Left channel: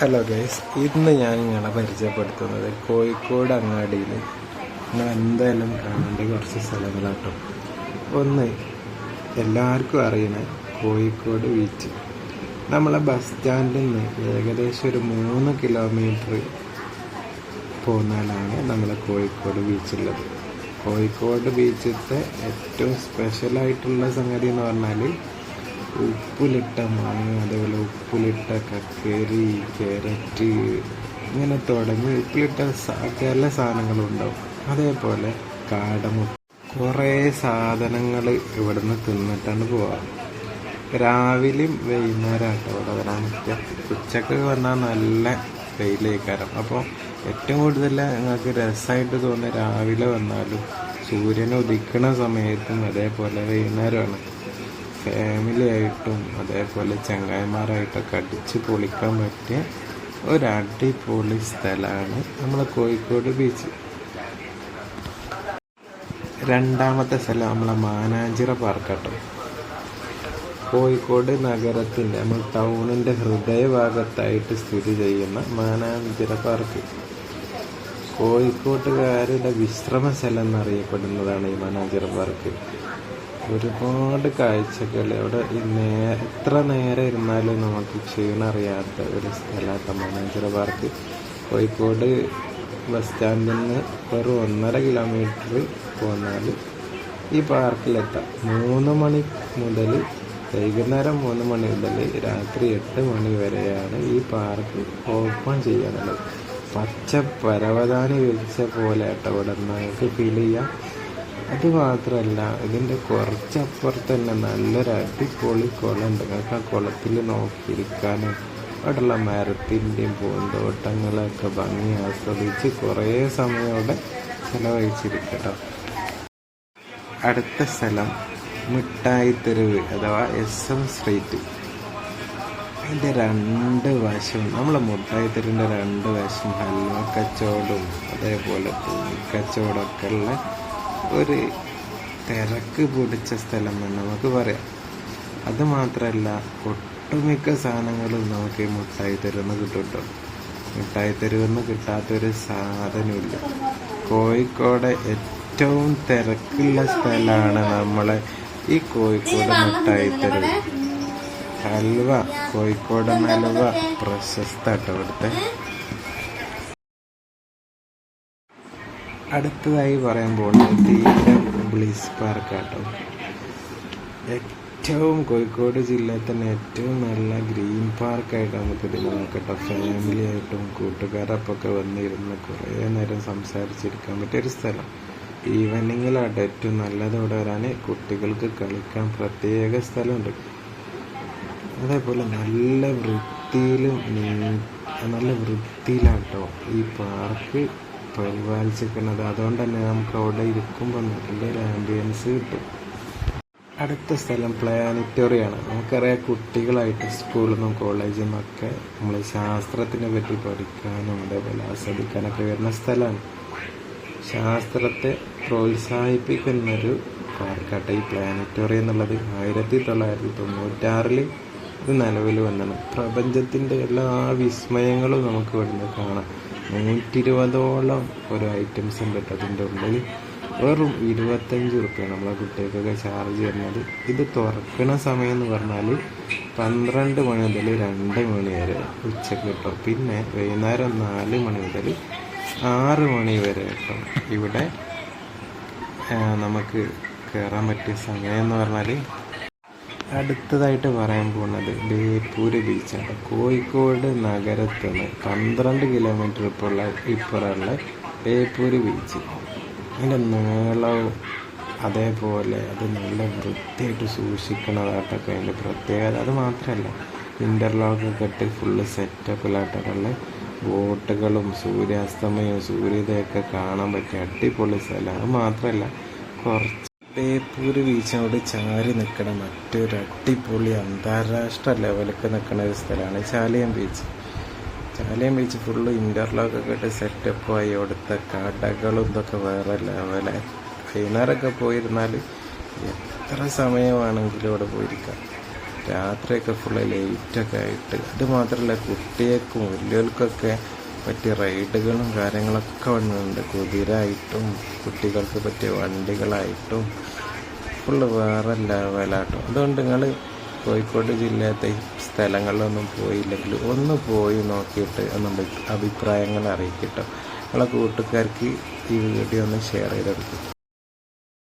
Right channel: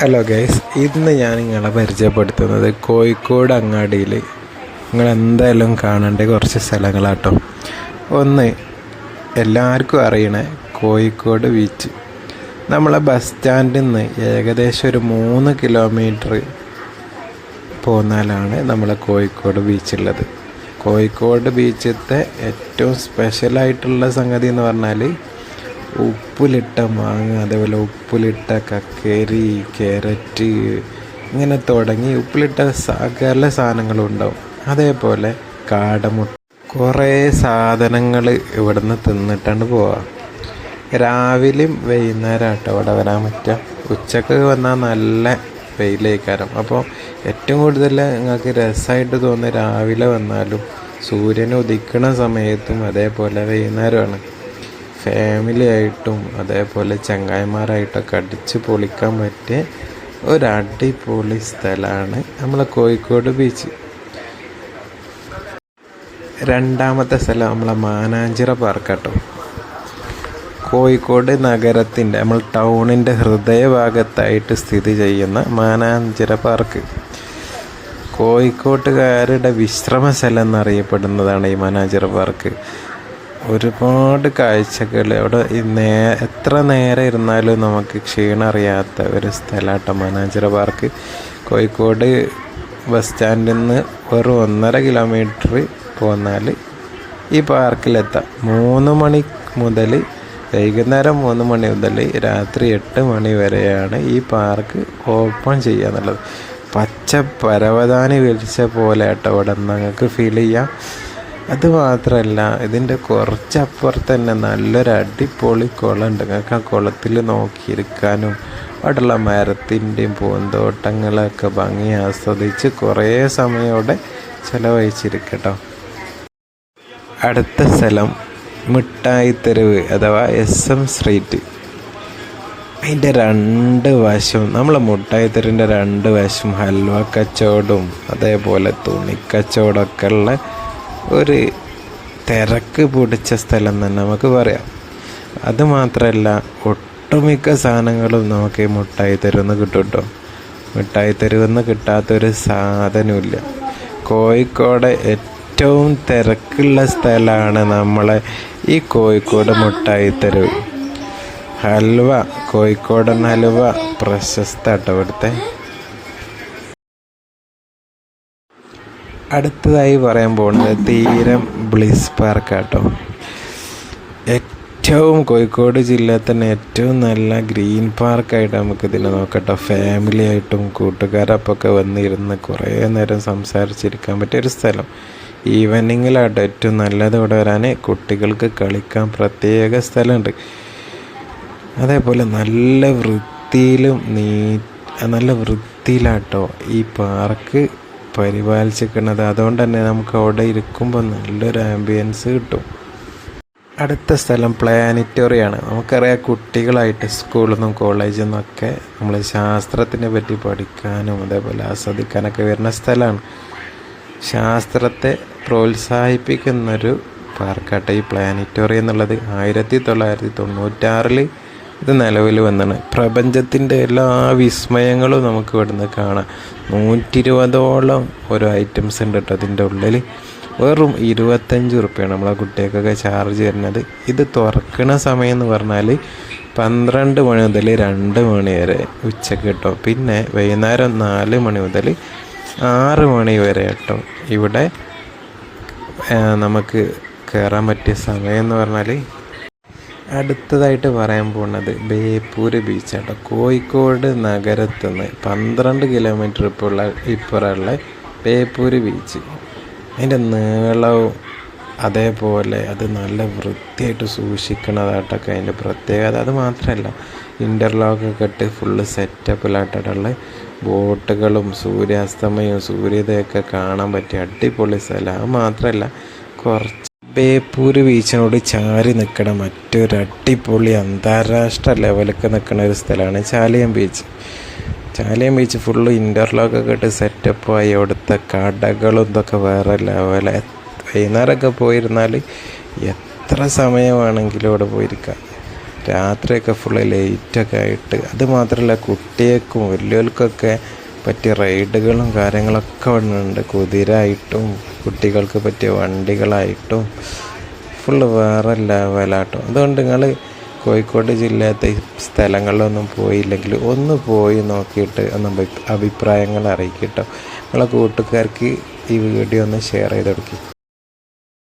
Hello guys ഇന്ന് ഞാൻ നിങ്ങളെ പരിചയപ്പെടുത്തുന്നത് കോഴിക്കോട് അങ്ങാടിയിൽ. നിങ്ങൾ എന്തായാലും കാണേണ്ട കുറച്ച് സ്ഥലങ്ങളാട്ടോ. ഒന്ന് എല്ലാവർക്കും അറിയണേ കോഴിക്കോട് ബീച്ച് നമ്മളെ ബസ് സ്റ്റാൻഡിൽ നിന്ന് ഏകദേശം ഒരു മൂന്ന് കിലോമീറ്റർ പോന്നാലാണ് നമ്മളെ കോഴിക്കോട് ബീച്ചുള്ളത് കോഴിക്കോട് ബീച്ചിലത്തെ ഏറ്റവും സ്പെഷ്യലായിട്ടുള്ള സംഗതി എന്ന് പറഞ്ഞാൽ ഉപ്പിലിട്ട മാങ്ങ അതേപോലെ ഉപ്പിലിട്ട കക്കേരി ക്യാരറ്റ് ഇങ്ങനെ തുടങ്ങി ഉപ്പിലിട്ട സകല സാധനങ്ങളും ഉണ്ടാവും അതേപോലെ കാടമുട്ട. കുറേ സാധനങ്ങൾ ഇവിടുന്ന് തിന്നിട്ടാണ് പോവാം. രാവിലെയും വൈകുന്നേരം ആട്ടോ ഇവിടെ വരാൻ പറ്റുക. ഉച്ചയ്ക്ക് വന്നാൽ നല്ല വെയിലേക്കാരം. അപ്പോൾ ഏറ്റവും കൂടുതൽ നിങ്ങൾക്ക് രസമായിട്ട് തോന്നുന്നത് രാവിലെ വന്നാലും സൂര്യൻ ഉദിക്കണ സമയത്തും അതേപോലെ വൈകുന്നേരമാണ്. ഫാമിലി ആയിട്ടും അതേപോലെ ചങ്ങായിമാരായിട്ടൊക്കെ അടിച്ച് പൊളിക്കാൻ പറ്റിയ ഒരു അടിപൊളി സ്ഥലമാണ് നമ്മളെ കോഴിക്കോട് ബീച്ച് രണ്ടാമത്തെ സ്ഥലം നമ്മളെ മാനാഞ്ചിറ പാർക്കാട്ടോ കോഴിക്കോട് നഗരത്തിന്റെ നമ്മൾ ടൗണിന്റെ ഹൃദയഭാഗത്തായിട്ട് സ്ഥിതി ചെയ്യുന്ന മാനാഞ്ചിറ പാർക്ക് കോഴിക്കോട്ടുകാരുടെ വിശ്രമ സ്ഥലം എന്നറിയപ്പെടുന്നതാണ് ഈ മാനാഞ്ചിറ പാർക്ക് ഒരുപാട് കാഴ്ചകൾ അവിടെ നേ എത്ര നേരം ഇരുന്നാലും നമുക്ക് ക്ഷീണം അറിയാത്ത ഒരു സ്ഥലമാട്ടോ. മാനാഞ്ചിറ പാർക്ക്. കോഴിക്കോട് ബസ് സ്റ്റാൻഡിൽ നിന്ന് വെറും ഒന്നര കിലോമീറ്റർ പോന്നാൽ ഈ പാർക്കിലെത്താം. മൂന്ന് മണി മുതൽ വൈകുന്നേരം മൂന്ന് മണി മുതൽ രാത്രി എട്ട് മണി വരെയാണ് ഈ പാർക്ക് ഓപ്പൺ ചെയ്യുക എന്നുള്ളത് പച്ച പരവതാനി വിരിച്ച പോലെ ആട്ടോ. ഇവിടെ നിങ്ങൾക്ക് ഫീൽ ചെയ്യാം. അത് മാത്രമല്ല ഇതിന്റെ കുറച്ചപ്പുറത്ത് തന്നെ നല്ലൊരു അടിപൊളി കുളമുണ്ട്. നിങ്ങൾക്ക് ആ കുളത്തിൽ നോക്കിയിരിക്കാനും അവിടെയുള്ള മരത്തിന്റെയും പൂന്തോട്ടങ്ങളൊക്കെ ഭംഗി ആസ്വദിച്ച് കുറേ സമയം ചിലവഴിച്ചിരിക്കട്ടോ. അടുത്ത സ്ഥലം മിഠായി തെരുവ് അഥവാ എസ് എം സ്ട്രീറ്റ്. അതിന്റെ രണ്ട് വശവും നമ്മൾ മുട്ടായി തെരുവിന്റെ രണ്ട് വശവും ഹൽവ കച്ചവടവും അതേപോലെ തുണിക്കച്ചവടമൊക്കെ ഉള്ള ഒരു തിരക്ക് പിടിച്ച സ്ഥലം തന്നെ നമുക്ക് പറയാം. അതുമാത്രമല്ല ഒട്ടുമിക്ക സാധനങ്ങളും നമുക്ക് ഈ മുട്ടായി തെരുവെന്ന് കിട്ടും കേട്ടോ മിഠായി തെരുവെന്ന് കിട്ടാത്തൊരു സാധനമില്ല കോഴിക്കോട് ഏറ്റവും തിരക്കുള്ള സ്ഥലമാണ് നമ്മളെ ഈ കോഴിക്കോട് മുട്ടായി തെരുവ്. ഹൽവ കോഴിക്കോടൻ ഹൽവ പ്രശസ്ത കേട്ടോ ഇവിടുത്തെ. അടുത്തതായി പറയാൻ പോകുന്നത് തീരം ബ്ലിസ് പാർക്ക് കേട്ടോ ഏറ്റവും കോഴിക്കോട് ജില്ലയിൽ തന്നെ ഏറ്റവും നല്ല ഗ്രീൻ പാർക്കായിട്ട് നമുക്ക് ഇതിനെ നോക്കട്ടോ. ഫാമിലി ആയിട്ടും കൂട്ടുകാരപ്പൊക്കെ വന്നിരുന്ന് കുറേ നേരം സംസാരിച്ചിരിക്കാൻ പറ്റിയ ഒരു സ്ഥലം. ഈവനിങ്ങിലാട്ടോ ഏറ്റവും നല്ലത് ഇവിടെ വരാൻ. കുട്ടികൾക്ക് കളിക്കാൻ പ്രത്യേക സ്ഥലമുണ്ട്. അതേപോലെ നല്ല വൃത്തിയിലും നീ നല്ല വൃത്തിയിലാട്ടോ ഈ പാർക്ക് പരിപാലിച്ചിരിക്കുന്നത്. അതുകൊണ്ട് തന്നെ നമുക്ക് അവിടെ ഇരിക്കുമ്പോൾ നല്ലൊരു ആംബിയൻസ് കിട്ടും. അടുത്ത സ്ഥലം പ്ലാനറ്റോറിയാണ്. നമുക്കറിയാം കുട്ടികളായിട്ട് സ്കൂളിൽ നിന്നും കോളേജിൽ നിന്നൊക്കെ നമ്മൾ ശാസ്ത്രത്തിനെ പറ്റി പഠിക്കാനും അതേപോലെ ആസ്വദിക്കാനൊക്കെ വരുന്ന സ്ഥലമാണ്. ശാസ്ത്രത്തെ പ്രോത്സാഹിപ്പിക്കുന്നൊരു പാർക്കാട്ടെ ഈ പ്ലാനറ്റോറിയം എന്നുള്ളത് ആയിരത്തി തൊള്ളായിരത്തി തൊണ്ണൂറ്റാറിൽ ഇത് നിലവിൽ വന്നാണ്. പ്രപഞ്ചത്തിന്റെ എല്ലാ വിസ്മയങ്ങളും നമുക്ക് ഇവിടുന്ന് കാണാം. നൂറ്റി ഇരുപതോളം ഓരോ ഐറ്റംസ് ഉണ്ട് കേട്ടോ അതിന്റെ ഉള്ളിൽ. വെറും ഇരുപത്തഞ്ച് റുപ്യാണ് നമ്മളെ കുട്ടികൾക്കൊക്കെ ചാർജ് തരുന്നത്. ഇത് തുറക്കണ സമയം എന്ന് പറഞ്ഞാൽ പന്ത്രണ്ട് മണി മുതൽ രണ്ട് മണി വരെ ഉച്ചയ്ക്ക് കേട്ടോ. പിന്നെ വൈകുന്നേരം നാല് മണി മുതൽ ആറ് മണി വരെ കേട്ടോ. ഇവിടെ നമുക്ക് കയറാൻ പറ്റിയ സമയം എന്ന് പറഞ്ഞാൽ അടുത്തതായിട്ട് പറയാൻ പോകുന്നത് ബേപ്പൂര് ബീച്ചാണ് കോഴിക്കോട് നഗരത്തിൽ നിന്ന് പന്ത്രണ്ട് കിലോമീറ്റർ ഇപ്പുള്ള ഇപ്പുറമുള്ള ബേപ്പൂര് ബീച്ച് അതിന്റെ നീളവും അതേപോലെ അത് നല്ല വൃത്തിയായിട്ട് സൂക്ഷിക്കണതായിട്ടൊക്കെ അതിന്റെ പ്രത്യേകത. അത് മാത്രമല്ല ഇന്റർലോക്കൊക്കെ ഇട്ട് ഫുള്ള് സെറ്റപ്പിലായിട്ടുള്ള ബോട്ടുകളും സൂര്യാസ്തമയവും സൂര്യോദയമൊക്കെ കാണാൻ പറ്റിയ അടിപൊളി സ്ഥലം. അത് മാത്രമല്ല കുറച്ച് ബേപ്പൂര് ബീച്ചിനോട് ചാരി നിൽക്കണ മറ്റൊരു അടിപൊളി അന്താരാഷ്ട്ര ലെവലൊക്കെ നിൽക്കുന്ന ഒരു സ്ഥലമാണ് Chaliyam beach. Chaliyam beach full ഇന്റർലോക്കൊക്കെ ഇട്ട് സെറ്റപ്പായി അവിടുത്തെ കടകളും ഇതൊക്കെ വേറെ ലെവല വൈകുന്നേരമൊക്കെ പോയിരുന്നാൽ എത്ര സമയമാണെങ്കിലും അവിടെ പോയിരിക്കാം. രാത്രിയൊക്കെ ഫുള്ള് ലൈറ്റൊക്കെ ആയിട്ട്. അത് മാത്രമല്ല കുട്ടികൾക്കും വലിയവർക്കൊക്കെ പറ്റിയ റൈഡുകളും കാര്യങ്ങളൊക്കെ ഉണ്ട് കുതിരായിട്ടും കുട്ടികൾക്ക് പറ്റിയ വണ്ടികളായിട്ടും ഫുള്ള് വേറെ ലെവലാട്ടോ അതുകൊണ്ട് നിങ്ങൾ കോഴിക്കോട് ജില്ലയിലത്തെ സ്ഥലങ്ങളിലൊന്നും പോയില്ലെങ്കിൽ ഒന്ന് പോയി നോക്കിയിട്ട് ഒന്ന് അഭിപ്രായങ്ങൾ അറിയിക്കട്ടോ നിങ്ങളെ കൂട്ടുകാർക്ക് ഈ വീഡിയോ ഒന്ന് ഷെയർ ചെയ്ത് കൊടുക്കും